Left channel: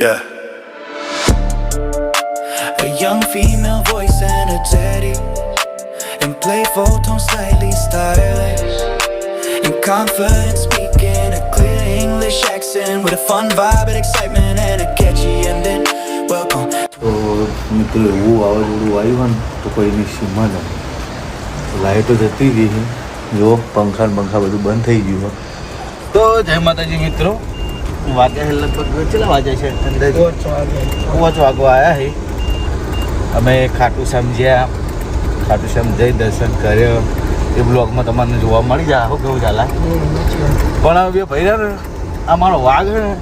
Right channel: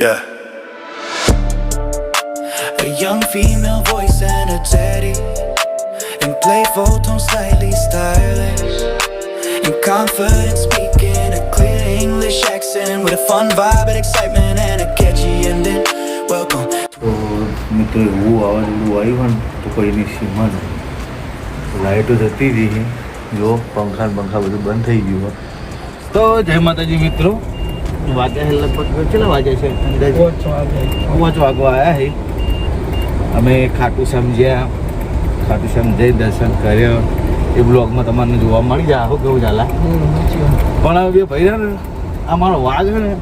Yeah. A young female voice and a daddy, in playful tone, slightly stylish, and confident speaking, a clear English accent with a fun vibe and excitement and a catchy ending. Welcome. તો મિત્રો એવું વાવાઝોડું આવ્યું ને તો કોઈની સીમા નહીં. લાઇટો જતી રહી, જો પંખા બધું બંધ થઈ ગયું. તો જય માતાજી મિત્રો, વાગ્યા છે લગભગ કેટલા વાગ્યા છે અંદાજે 5 વાગવા આવ્યા છે. અમે ખાટું સમજ્યા, ખાટું સમજાઈ દર્શન કર્યો એ બ્લોગમાં તમને જોવા મળી જાય. આવો કેવું ચાલે પણ અમે બે ભાઈ ને આ મારો વાઘ છે ને,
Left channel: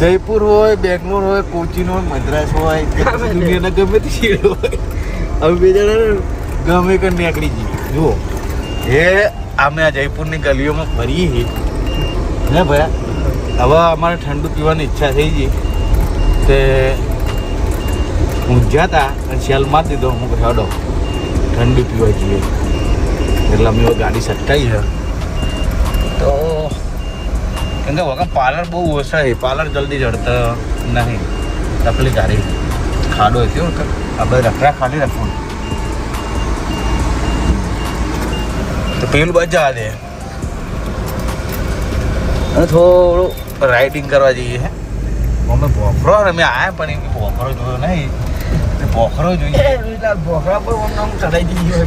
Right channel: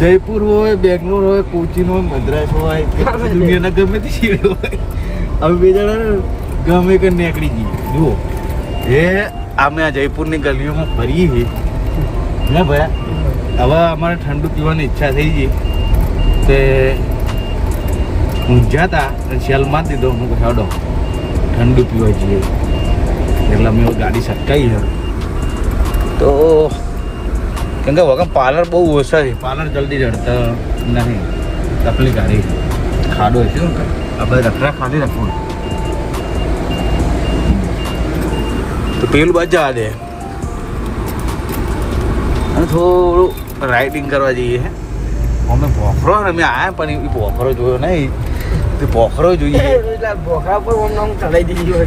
જયપુર હોય, બેંગ્લોર હોય, કોચીન હોય, મદ્રાસ હોય, દુનિયાના ગમે તે શેર હોય, અમે બે જણા ગમે કે નીકળી જઈએ. જુઓ એ અમે આ જયપુરની ગલીઓમાં ફરીએ છીએ ને ભાઈ. હવે અમારે ઠંડુ પીવાની ઈચ્છા થઈ ગઈ કે ઊંઝાતા અને શેલ મારી દીધો. હું હેડો ઠંડુ પીવા જોઈએ એટલે અમે ગાડી સટકાઈ છે. તો કેમ કે વગર પાર્લર બહુ ઓછા છે, પાર્લર જલ્દી ચડતા નથી. તકલીફ ગાડી ખાડું હશે ને તો આપણે રખ્યા ખાલી રાખવું. તો પેલું બાજુ જવા દે અને થોડું રાઇડિંગ કરવા જઈએ. અમે ભોખરો અમે આવ્યા પણ એ ભોખરો જોયો નહીં. ભોખરો જોઈએ ચડાઈ દીધી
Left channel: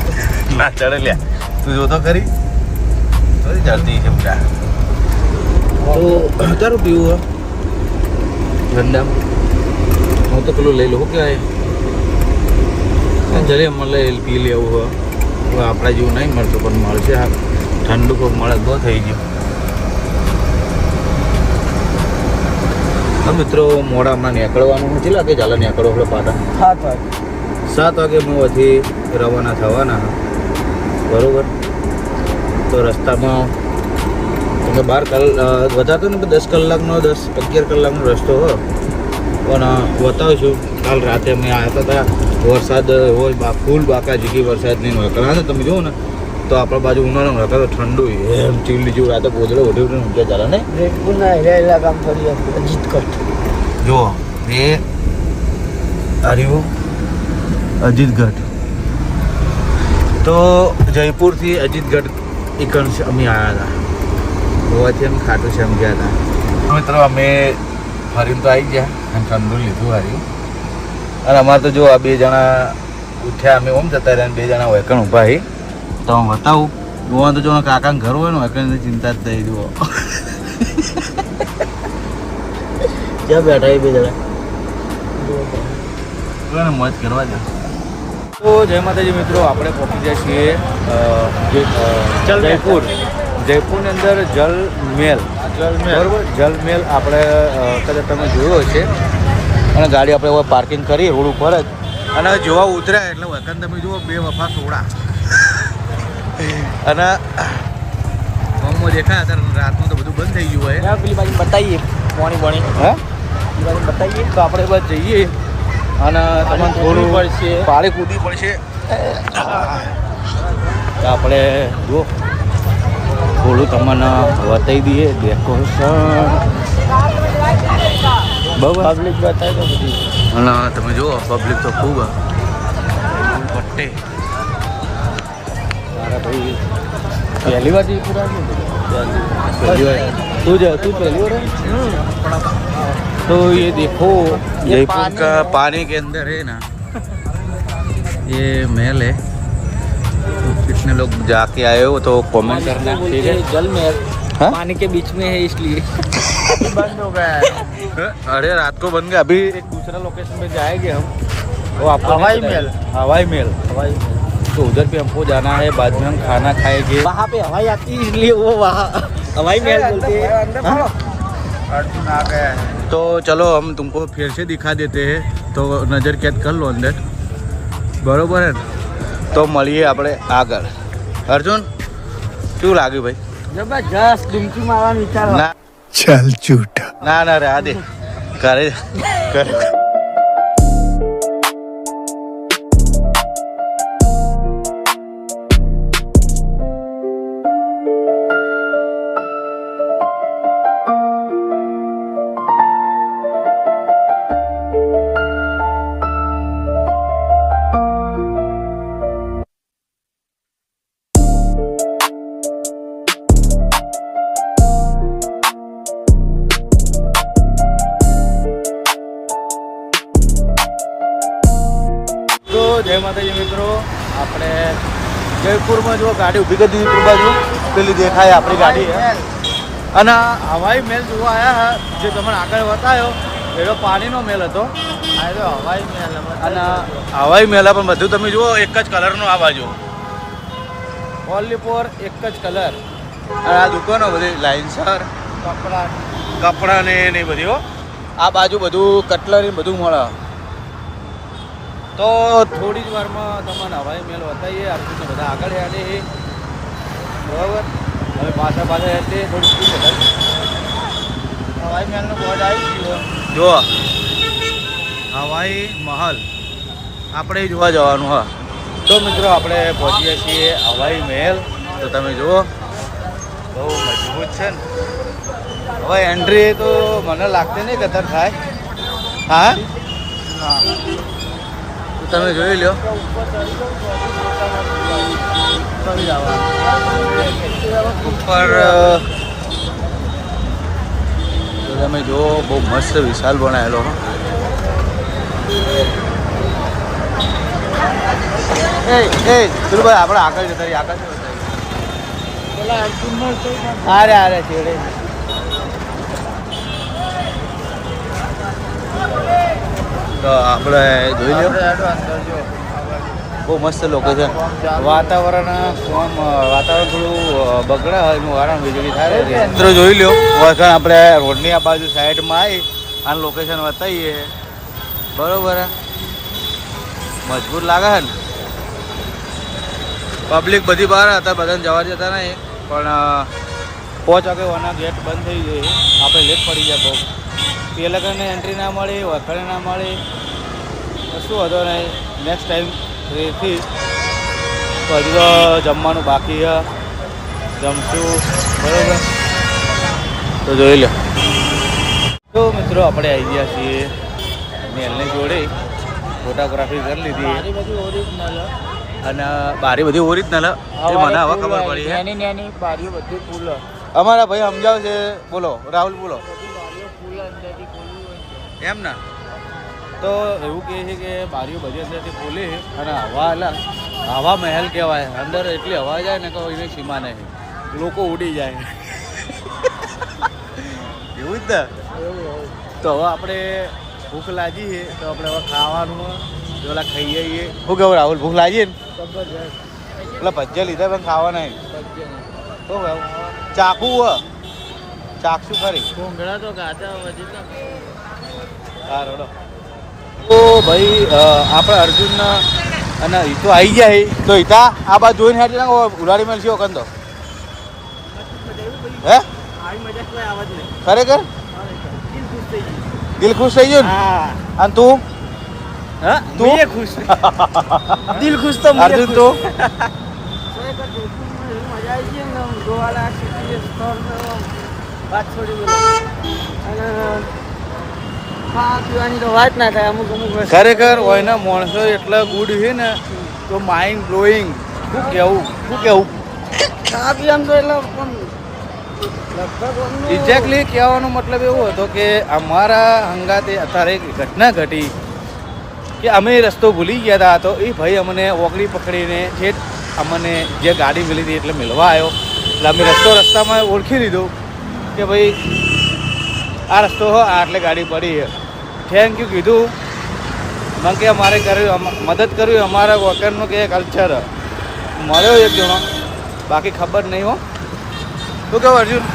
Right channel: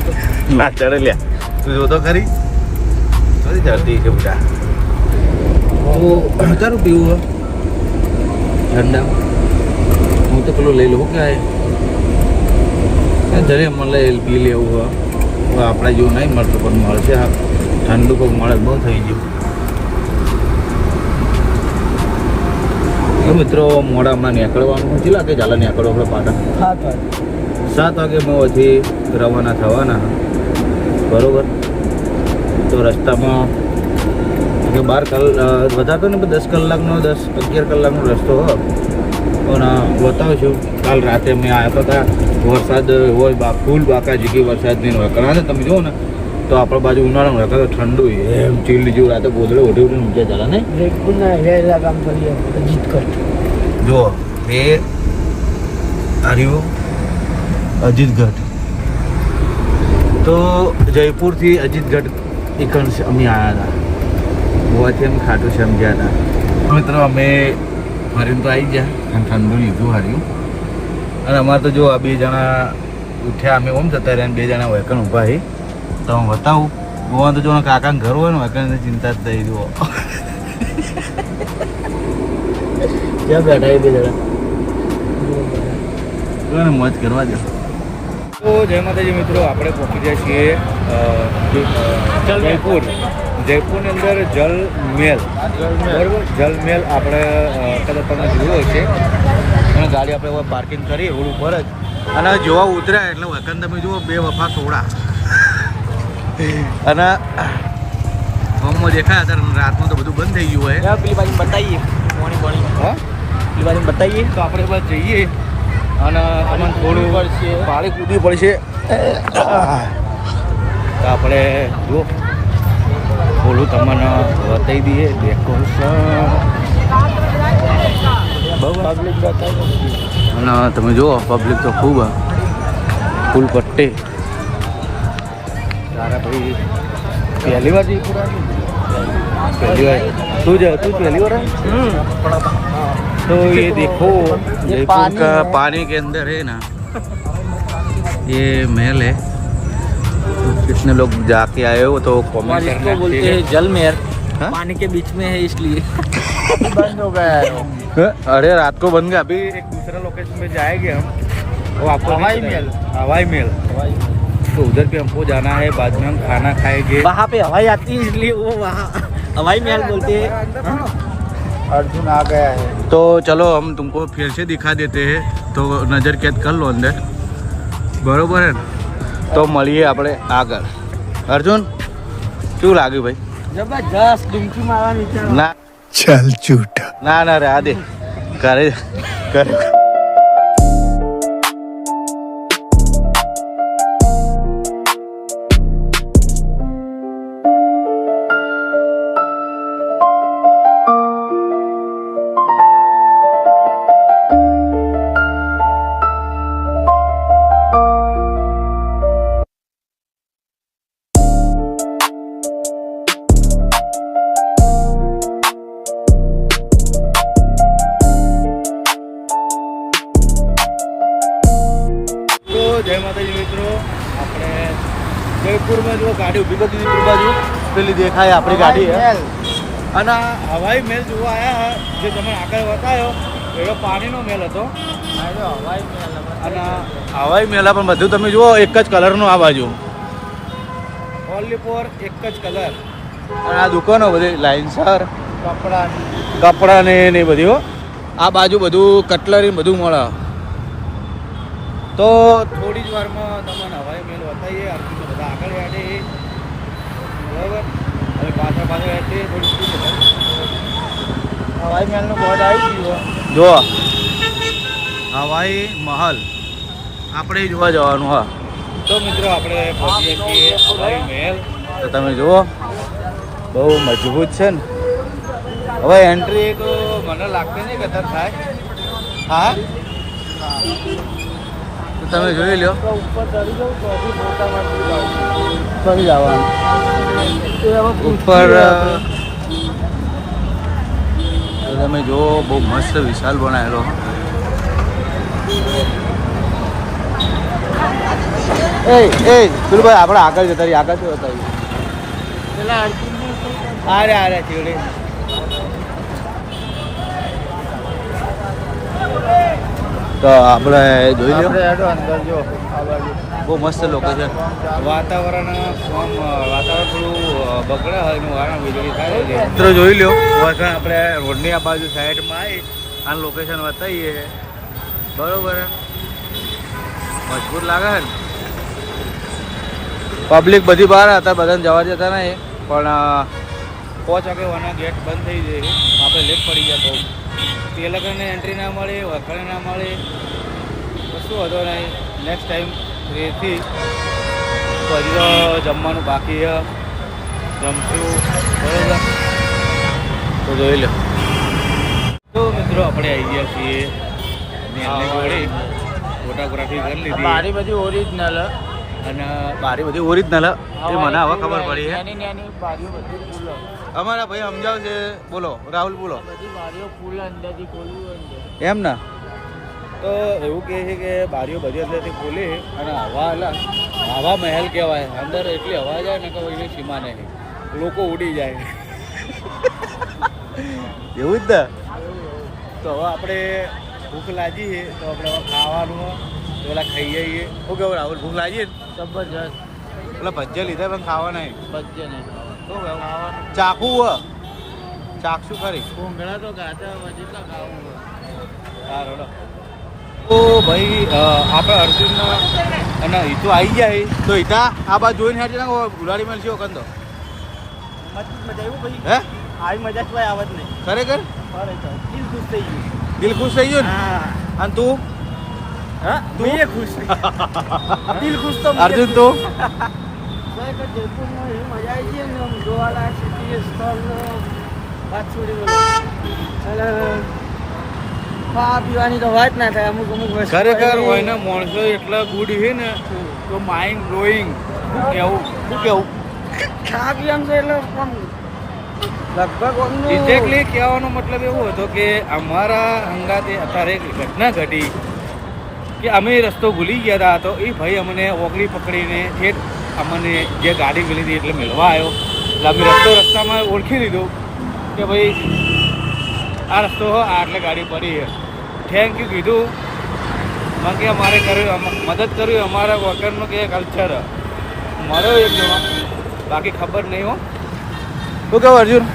ના ચડે લ્યા. તું જોતો ખરી ચડતી છે બધા. તો તારું પીવું ઠંડા હું તો પેલું લઈ લઉં કે જરે મળે પી લેવું. આપણા જેવું નહીં મળતું પણ મળશે. ઠંડુ કોઈ મળે ન થઈ ગયું. મિત્રો મોડામાં નીકળવાનું કેટલા લાગે ચાલે નીકળો આપણે પાટણ 7 વાગે મોથી રવાના થવાના બરોબર. તો રસ્તામાં 12 કલાક વધારતો ને 10 કલાકનો 10-11 કલાકનો રસ્તો હોય પણ બતાવશું. કાલ રાતે અમે આવ્યા હતા, વરસાદ હોય ફૂલ બાકા જેટલી વરસાદની વકળા છે. તમે જુઓ ને તો આપણા બાજુ ઉનાળામાં રહેતા ઠંડુ એમ ચીલ જેવું રાતે ગોદડે ઓઢી ઊંચા ચાલે નહીં. જુઓ એ હરિયો અજીતગઢ. તો જયપુરથી અજીતગઢ એક અમે આવ્યા હતા. જોવાથી અમે ખાટું સમજ્યા હતા. મિત્રો અમે ફરીને તો આવી ગયા અને ઠંડુ લીધું હારી. અને અમારે તો જો આ 2 જણા ઉઠ્યા, અમે ઓમ જતા રહ્યા, 2 જણા વૈકણ ઊભા છે. તો હું બતાવું જોવા તો જો કાકાને ઘર હોય ને વૈકણની ચિંતા જ થઈ. જુઓ ક્યાં બેઠા એ 2 જણા કોઈને મોજ કરવા દે. તો જય માતાજી મિત્રો, આપણે પહોંચી ગયા છીએ જયપુરની અંદર જલમહેલ બરાબર. જલમહેલ આપણે કદાચ તમે જોયો હશે. અને ગાડી આપણે હવે પાર્કિંગ કરી રોડ ઉપર જ. અને જોવા ઉતર્યા એટલે વખત તમે જુઓ 2 વફા સોડા અને હોમમાં દેખાયા હતા. રાતનું તો બધું બંધ થઈ ગયું હોય. પેલી બાજુ બતાવીએ બતાવીએ તો આપણે બસ જઈએ અને તમને થોડું પાણી કૂદવું પડશે. તો આપણે જુઓ થોડું તમને બતાવી દઈએ ડેકોરેશન. ના તમે જુઓ પબ્લિક તો ખૂબ ફૂલ પટ્ટે. તારા ભાઈ પહેલી વાર જયપુર આવ્યું? પહેલી વાર. તું પહેલી વાર આવી? तो ये देखो जयपुर का पानी के अंदर है ना ये महल है. तो कितने लोग जाके आए हो तो कमेंट करना. ठीक है, जल महल पानी के बीच में है इसलिए बंद हो गया है. अरे रात को बन गया. अभी एक दूसरा लोकेशन पे जाएंगे हम, वो आपको हवाई महल. तो उधर पे हमको जाना है. बाद में हम खाना खाएंगे. वहाँ पे हवाई आती है इसलिए वो वहाँ हवाई महल बोलते हैं. अर्जुन आ गया है. तो चलो हम तुमको फिर से दिखा देते हैं. तो नज़र कैद कर लो अंदर बरोबर है. तो મળીએ આપણે આગળ. અર્જુન શું લાગ્યું ભાઈ? જબરજસ્ત. ડુમકી મારવાનો વિચાર ના. ચાલ ચૂટા. ના રે આ દે કરે. જય માતાજી મિત્રો. આપણે જયપુરમાં જો ગાડી ઊભી કરી દીધી પૂર બાજુ, પેલી દેખાય આપણી ગાડી છે. અને હવાઈ મહેલ જોવા આવ્યા જે તમને આગળ બતાવ્યો એનો પાણીનો મહેલ હતો. અને હવાઈ મહેલ પણ બધું તમે જુઓ એક જ કલરનું આ બાજુ, ઓનલી ફોર એક જ કલર. અને આ દુકાનો બધી લાઇનસર કપડાં ને બધું. આ બાજુ બધું કટલરી બધું મળે. તો થોડી જ વારમાં તમને હવાઈ મહેલ બતાવીએ. અર્જુનને બધા આગળ યાદે બરાબર. હવે પાછળ થોડી સ્પીડ વધારે હવાઈ મહેલનું બોર્ડ આવી ગયું. જો હવાઈ મહલ આપણે જોવા જવાનું. હા તો મિત્રો આપણે પહોંચીએ છીએ હવાઈ મહેલ. તો તમે જુઓ બહુ મજબૂત છે ને. હવે એન્ટ્રી તો મને લાગતી નહીં કદર થાય. હા તો તમે જોઈ લો ચડી જવાનું ઉપર. તો તમે જુઓ બહુ મસ્ત વિશાલ બનાવેલો. એ પેલું ભાઈ આપણે આગળ જતા રહીએ. આગળ શું બતાવીએ? અરે ચેડે તો આપણે જોઈ લો. બહુ મસ્ત લોકેશન. વાતાવરણ થોડું બગડે હોય એનું કારણ વીજળી થાય. મિત્રો જોઈ લો વસણ આપણે રોડની આ બાજુ સાઈડમાં આવી આ લોકેશન બતાવીએ. બરોબર મજબૂત લાગે છે ને. પબ્લિક બધી બહાર હતા, બધાને જવા જતા નહીં. પણ 5 વાગે ઓના ગેટ બંધ થઈ જાય, આપણે લેટ પડી જાય બહુ. તે લોકોને એન્ટ્રી ના મળે, વથાણે ના મળે તો શું હતો નહીં. નેક્સ્ટ ટાઈમ રેથી તો હજુ તો જમવાનું બાકી છે, જમશું બરાબર. તો જોઈ લો. તો મિત્રો આપણે આવી ગયા છીએ નેલની જોડે. ફોટોગ્રાફી કરી લીધી. બારી બધી ઓરિજિનલ અને બારી બધી ઓરિજિનલ. એ મને હવે ખબર પડી છે. બારીઓ બધી ફૂલ અમારા ભાઈ સમજાવશે. બોલો રાહુલ બોલો. બધી બારીઓ ફૂલ અંદરથી ખોલવું એમ ને. તો એવું કહે છે કે બારીઓ બધી અંદરથી ખોલી અને હવા મહેલ કહેવાય. અંદર એટલી હવા જાય ને તો એને સીમા નહીં, લોકો ઉડી જાય. એવું જ ને. તો હવે આપણે ભૂખ લાગી છે તો આપણે હવે ખાવાનું પેલા ખાઈ જઈએ. શું કેવું રાહુલ? ભૂખ લાગી ને જબરજસ્ત. પેલા ભજીયા લીધા પણ ખાવા નહીં. ભજીયા નહીં શું કેવું? ચાખવું હોય ચાખશું ખરી. કોંગળા તો ગાતા જેટલા ખાવું સારું. તો ભાઈ આપણે અર્જુન અને હિતો આવી ગયા. તો હિતા આ બાજુ જોઈને હાથી ના ઉલાડી મેળશી વખત તો હે આવી મજા કોઈ આવત નહીં. ખરેખર દિલ ખુશ થઈ ગયું. દિલ ખુશ થઈ ગયું ને. અને તું તું ખુશ દિલ ખુશ તો અર્જુન તું જયપુરમાં એવી મજા આવી ગઈ એમને જોવાના સ્થળ વાત છોડી બોલો. અને ખાવા પીવાની તો વાત ના થાય. અમુક ખરેખર હોય ને માણસો એટલા ગુડ છે ને તો માઇન્ડ બ્લોઈંગ. શું કેવું ખાવા પીવાનું તો એટલે લગભગ એક્ઝેક્ટલી કહેવાનો મતલબ એવો હતો કે અમારા હંગાતે અત્યારે એક ઘટના ઘટી કે અમે રસ્તો ભૂલી ગયા હતા. તો એ ભાઈ અમને ઓગળી પકડીને અમને જે ગાડી મળી હતી એટલે મળવા આવ્યો. એટલે અમે રસ્તામાં ઓળખી લીધો કે ભાઈ આ રસ્તો હોય આટલે ગાડી પડી છે. થેન્ક યુ કીધું. મને કે અમારે કર્યું મદદ કર્યું. અમારા વોકરનું કે કલ્ચર મળ્યો એક જણો, બાકી ખબર નહીં હો. શું કહું અર્જુન?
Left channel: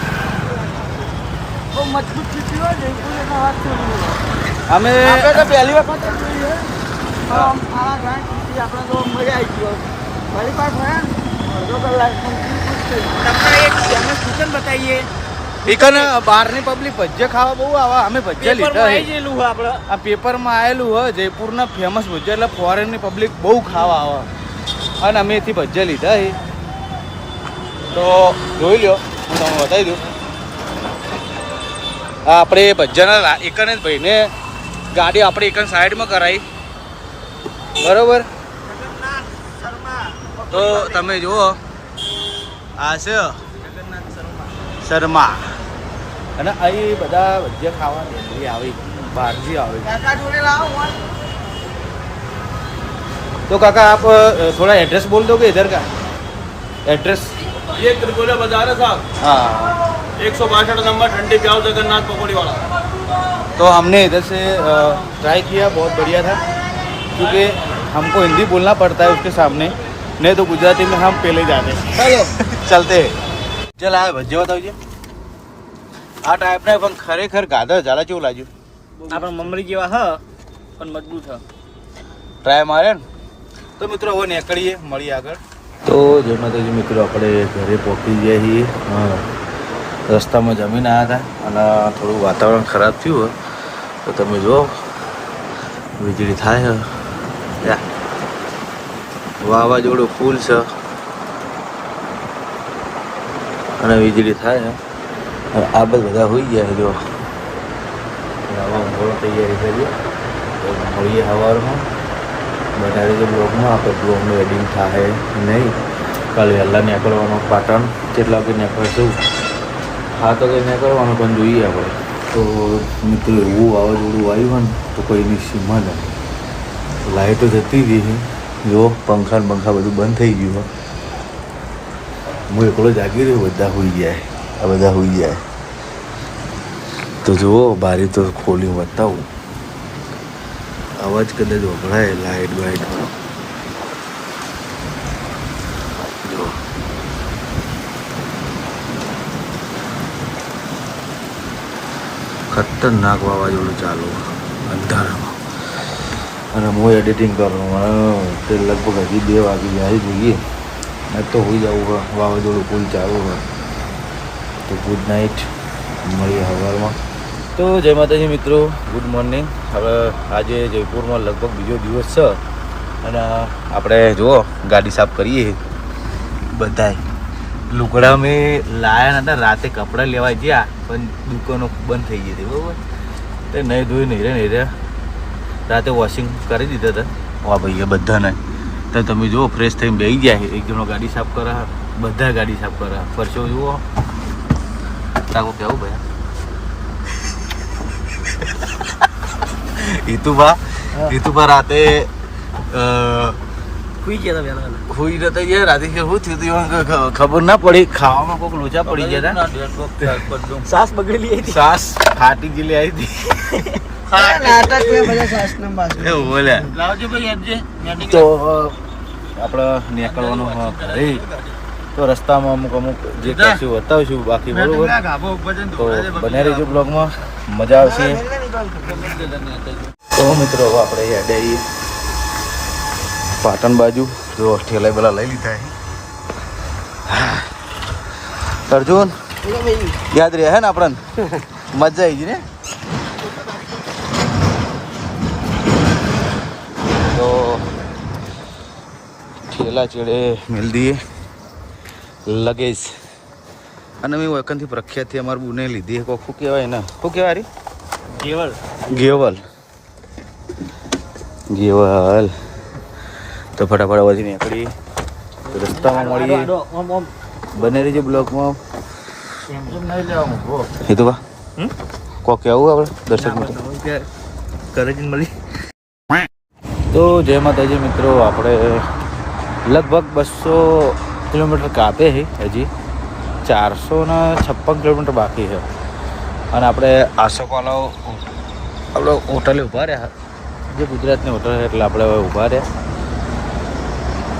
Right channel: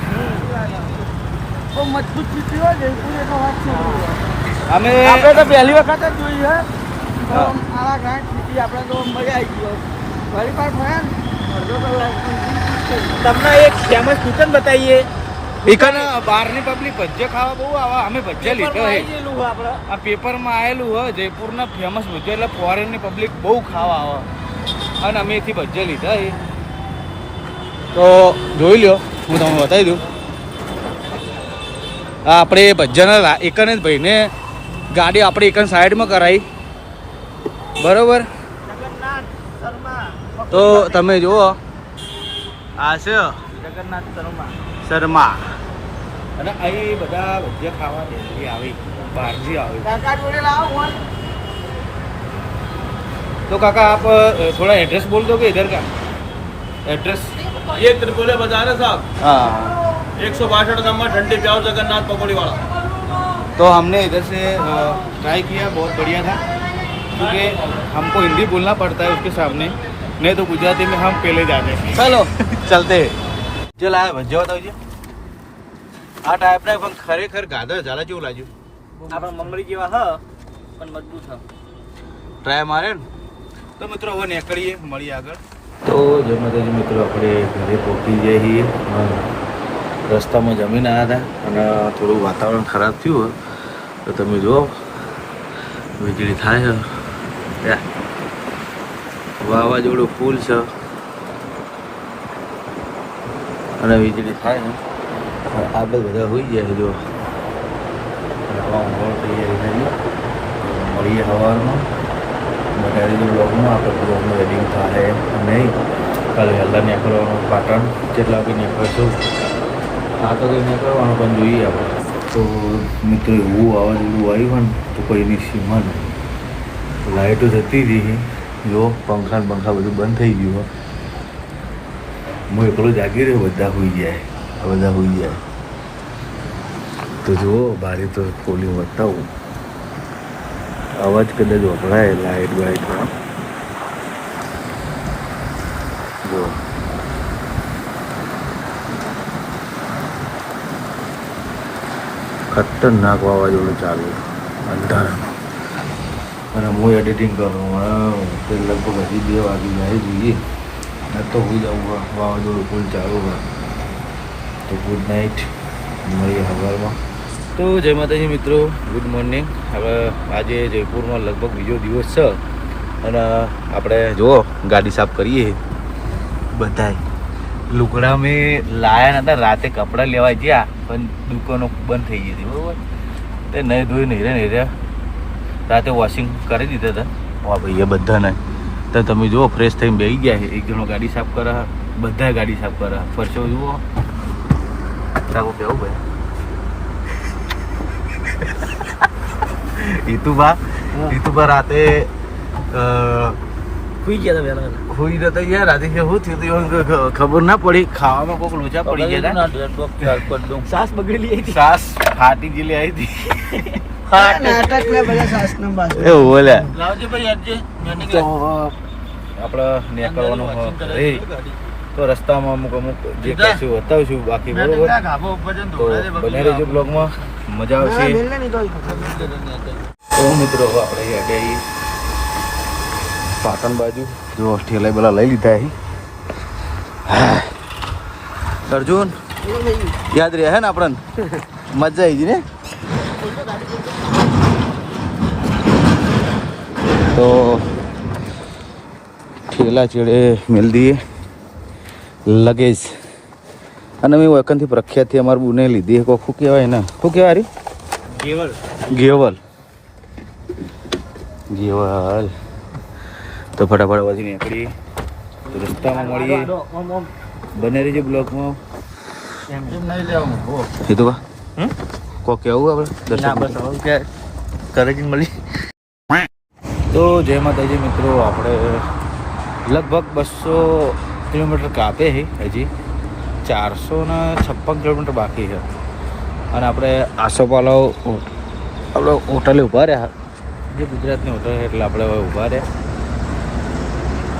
બહુ મજબૂત ચીટી હોય જયપુર એનો વાત છોડ્યું. અમે તો પહેલી વખત જ જોઈ છે. આવા ઘણા ચીટી આપણે તો મજા આવી ગયો. ઘણી વાર ફર્યા ને અડધો કલાક. તમને એક ફેમસ કિચન બતાવીએ. ઇકન બહારની પબ્લિક ભજીયા ખાવા બહુ આવે. અમે ભજીયા લીધા છે. આ પેપરમાં આવેલું હોય જયપુરના ફેમસ ભજીયા એટલે ફોરેનની પબ્લિક બહુ ખાવા આવે. અને અમે એથી ભજીયા લીધા છે. તો જોઈ લો, હું તમને બતાવી દઉં. હા આપણે ભજીયાના એકન જ ભાઈને ગાડી આપણે એકન સાઈડમાં કરાવી બરોબર. તો તમે જુઓ આ છે શર્મા. અને અહીં બધા ભજીયા ખાવા બેઠી આવી બહારથી આવી. तो काका आप थोड़ा एड्रेस बोल दोगे इधर का एड्रेस? ये त्रिपुरा बाजार है साहब, हाँ 162 नंबर, ठंडी प्याज जगन्नाथ पकौड़ी वाला। तो हमने इधर से ट्राई किया, बहुत बढ़िया था, क्योंकि हमको हिंदी बोलना पड़ता है उसके सामने, नहीं तो गुजराती में हम पहले जाते चलो चलते चल આ ભજીયા બતાવજો આ ટાઈપના પણ ખરેખર ગાધર ઝાલા જેવું લાગ્યું આપણા મમરી જેવા હ પણ મજબૂત હ ટ્રાય મારે ને તો મિત્રો હવે નીકળીએ મળીએ આગળ તો જય માતાજી મિત્રો આપણે ઘરે પહોંચી ગયા છીએ રસ્તામાં જમીન આવ્યા હતા અને થોડું વાતાવરણ ખરાબ થયું હોય તો તમે જુઓ વીજળી થાય છે વાવાઝોડું ફૂલ છે અને વીજળી થાય છે આ બધા હોઈ ગયા જો નવા મોડો તૈયારી કરીએ તો મળીએ સવારમાં બતાવી દે બ્લોગમાં આપણે બ્લોગનું એડિંગ થાય નહીં કાલે વહેલા નીકળવાનું પાટણ કેટલા વાગે નીકળશું હા તો કંઈ નીકળવાનું પણ જોઈએ આપણે તો મિત્રો એવું વાવાઝોડું આવ્યું ને તો કોઈની સીમા નથી લાઇટો જતી રહી જો પંખા બધું બંધ થઈ ગયું હું એકલો જાગી રહ્યો બધા હોઈ જાય આ બધા હોઈ જાય તો જુઓ બારી તો ખોલી બતાવું અવાજ કદાચ વપરાય લાઇટ બાઇટનો જો ખતરનાક વાવાઝોડું ચાલુ અંધારામાં અને હું એડિટિંગ કરવાનું તે લગભગ હજી 2 વાગી જાય જોઈએ આજ તો હોઈ જવું વાવાઝોડું ફૂલ ચાલુ હોય તો ગુડ નાઇટ મળીએ સવારમાં તો જય માતાજી મિત્રો ગુડ મોર્નિંગ હવે આજે જયપુરમાં લગભગ બીજો દિવસ છે અને આપણે જુઓ ગાડી સાફ કરીએ બધાય લુગડા મેં લાયા નતા રાતે કપડાં લેવા ગયા પણ દુકાનો બંધ થઈ ગઈ હતી બરાબર તે નહીં ધોઈ નહીં રે રાતે વોશિંગ કરી દીધા હતા વાહ ભાઈ બધાને તો તમે જુઓ ફ્રેશ થઈને બેસી ગયા એક જણો ગાડી સાફ કરે બધા ગાડી સાફ કરે ફરશો જુઓ તાકો કેવું ભાઈ ઈતુબા રાતે હુઈ ગયા હતા વહેલા હુઈ જતા યાર રાતે શું થયું હતું ખબર ના પડી ખાવામાં કોઈક લોચા પડી ગયા હતા સાસ બગડેલી હતી સાસ ફાટી ગયેલી આવી હતી એવું બોલ્યા તો આપણે નીકળવાનું ઘરે તો રસ્તામાં અમુક જે કશું બતાવીશું બાકી બરોબર તો બને રહેજો બ્લોગમાં મજા આવશે તો મિત્રો આપણે હેડે આવીએ પાટણ બાજુ જો ઠેલા બેલા લઈ લીધા હા અર્જુન યાદ રહે હે ને આપણને મજા આવી ગઈ ને ઠેલા ચેડે મેળ દઈએ લગેજ અને મેં વખતથી પ્રખ્યાતથી અમારું બુને લીધી કોઈ શું કહેવાય ને શું કહેવાય ગેવલ તો ફટાફટ પછી નીકળી રસ્તામાં મળીએ બને રહીએ બ્લોકમાં એ તો બા કોક કેવું આપણે દર્શન કરે જ મળી તો જય માતાજી મિત્રો આપણે લગભગ 200 કિલોમીટર કાપે છે હજી 456 કિલોમીટર બાકી છે અને આપણે આસોપાલો આપણે હોટલે ઊભા રહ્યા જે ગુજરાતની હોટલ છે એટલે આપણે ઊભા રહ્યા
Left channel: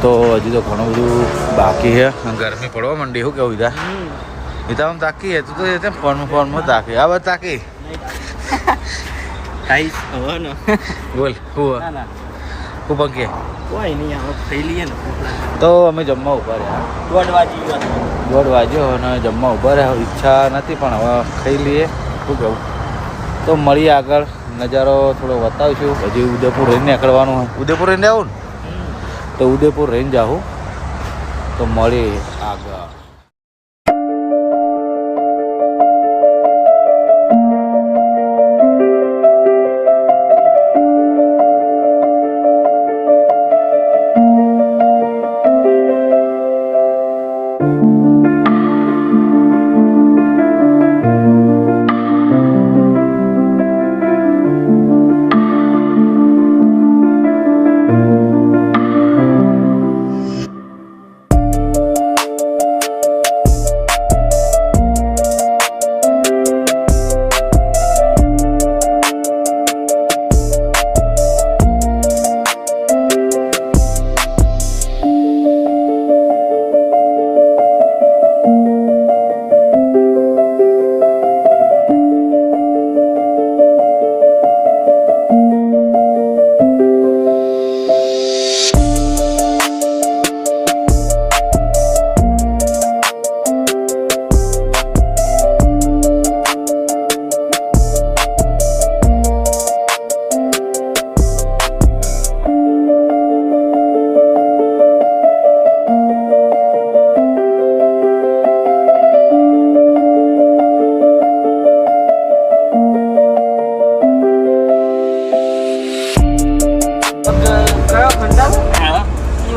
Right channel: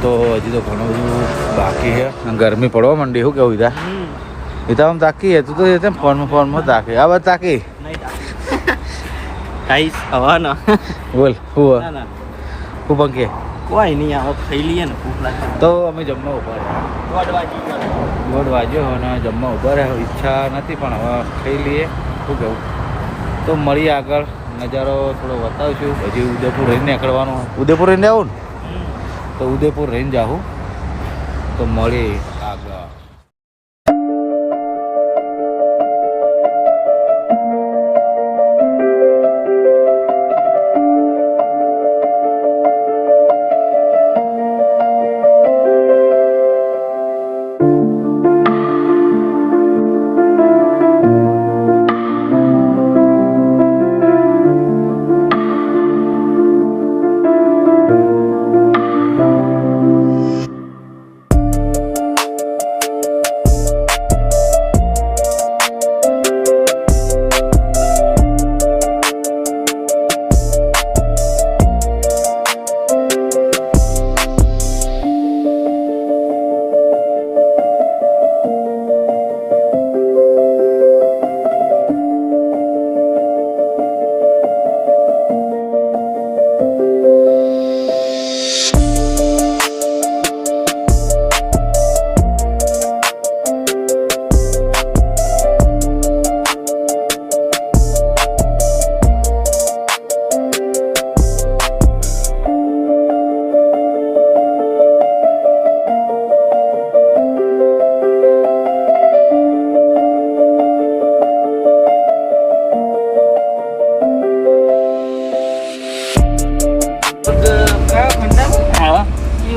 તો હજી તો ઘણું બધું બાકી છે અને ગરમી પડવા માંડી શું કેવું ઈદા ઈદા આમ તાકી હતું તો એ ફોનમાં તાકી આ વાત તાકી કાઈ હવા ના બોલ હું પંકે કોઈ નહીં આવો ખાઈ લઈએ ને ભૂખ લાગે તો અમે જમવા ઊભા રહ્યા દોઢ વાગ્યો અને જમવા ઊભા રહ્યા ઈચ્છા નથી પણ હવે ખાઈ લઈએ શું કહું તો મળીએ આગળ નજારો થોડો બતાવીશું હજી ઉદયપુર રહીને નીકળવાનું ઉદયપુર રહીને આવું ને તો ઉદયપુર રહીને જાઉં તો મળીએ આગળ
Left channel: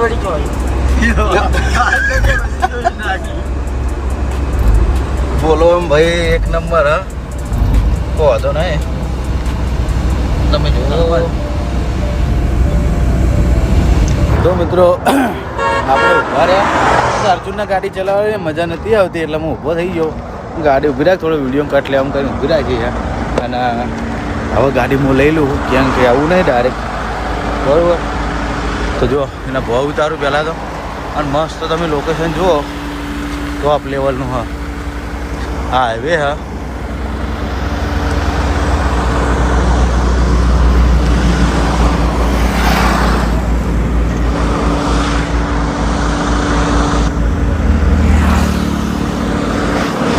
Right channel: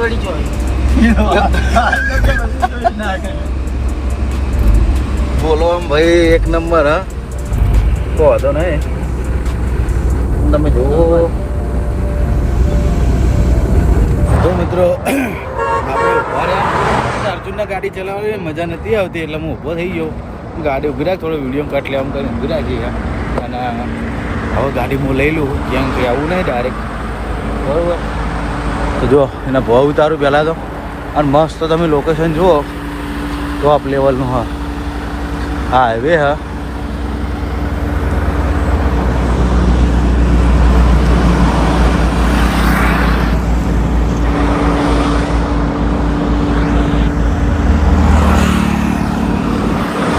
વળી ચોઈ બોલો એમ ભાઈ એક નંબર હા કહો તો નહીં તમે જુઓ તો મિત્રો આપણે ઊભા રહ્યા અર્જુનના ગાડી ચલાવવાની મજા નથી આવતી એટલે હું ઊભો થઈ ગયો ગાડી ઊભી રાખ થોડો વિડીયો કટ લે આમ કરીને ઊભી રાખી છે અને હવે ગાડી હું લઈ લઉં ક્યાંક કે આવું નહીં ડાયરેક્ટ બરાબર તો જુઓ એના ભાવ ઉતારું પહેલાં તો અને મસ્ત તમે લોકેશન જુઓ ટોપ લેવલનું હા હાઈવે હા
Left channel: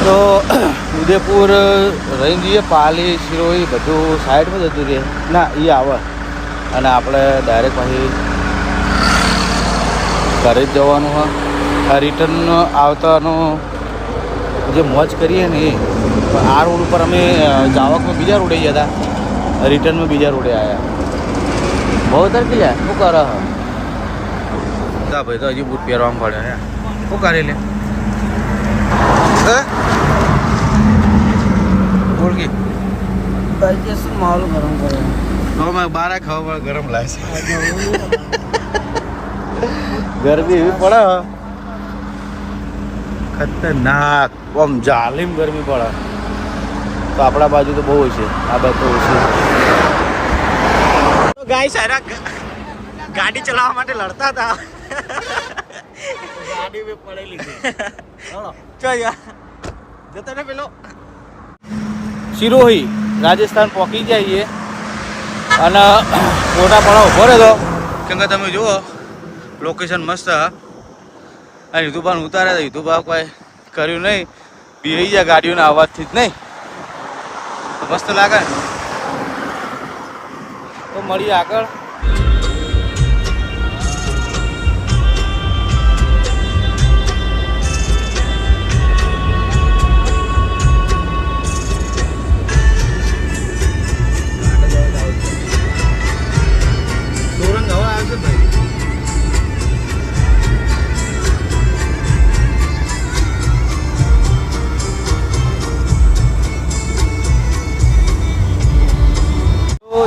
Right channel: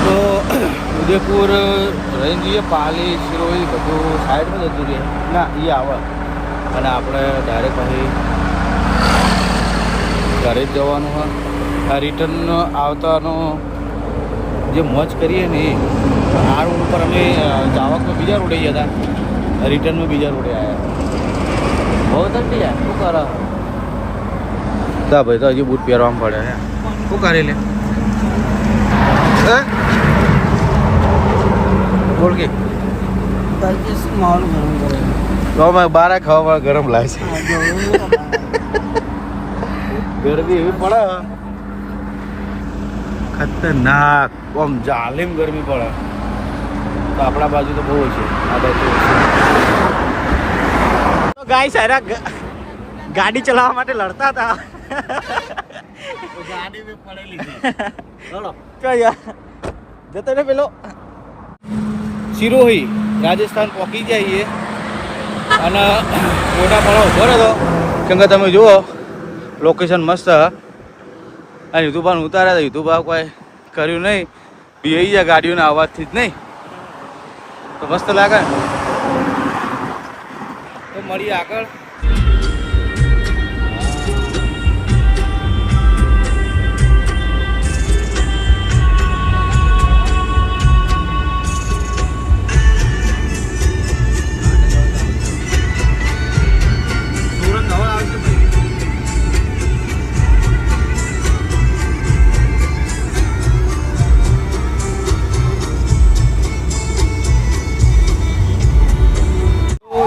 તો ઉદયપુર રહી જઈએ પાલી શિરોઈ બધું સાઈડમાં જતું રહે ના એ આવે અને આપણે ડાયરેક્ટ અહીં ઘરે જ જવાનું હોય રિટર્ન આવતાનું જે મોજ કરીએ ને એ આ રોડ ઉપર અમે જાવકમાં બીજા રોડે ગયા હતા રિટર્નમાં બીજા રોડે આવ્યા બહુ તરફી જાય શું કરે હા ભાઈ તો હજી બૂટ પહેરવામાં પડે હે શું કરી લે બોલ કે માહોલ ગરમ કરે તો મેં બારા ખાવામાં ગરમ લાગશે ગરમી એવી પડે ખતરનાક આમ જાલીમ ગરમી પડે તો આપણા બાજુ તો બહુ છે આ બાજુ તો ઓછી તો ગાય સારા ગાડી ચલાવવા માટે લડતા હતા ગાડી બી પડેલી છે ચો યાર જતો ને પેલો સિરોહી રાજસ્થાન પહોંચી જઈએ અને ફોટા પાડો ઉભો રહ્યો કેમ કે તમે જુઓ લોકેશન મસ્ત અને યુતુભાને ઉતાર્યા હતા યુતુભા કોઈ કર્યું નહીં બી જાય ગાડીઓના અવાજથી જ નહીં તો મસ્ત લાગે ને તો મળીએ આગળ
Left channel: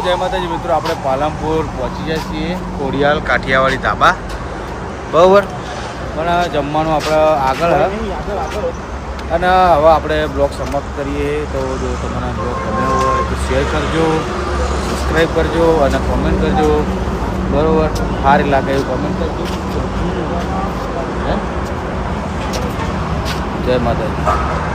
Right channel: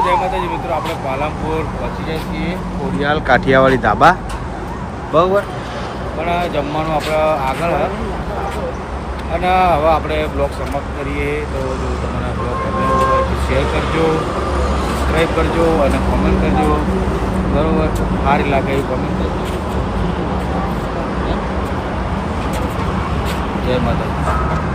જય માતાજી મિત્રો આપણે પાલનપુર પહોંચી જાય છીએ કોડિયાલ કાઠિયાવાડી ધાબા બરાબર પણ જમવાનું આપણે આગળ અને હવે આપણે બ્લોગ સમાપ્ત કરીએ તો જો તમારા બ્લોગ ગમ્યો હોય તો શેર કરજો સબસ્ક્રાઈબ કરજો અને કોમેન્ટ કરજો બરાબર સારી લાગે એવી કોમેન્ટ કરજો જય માતાજી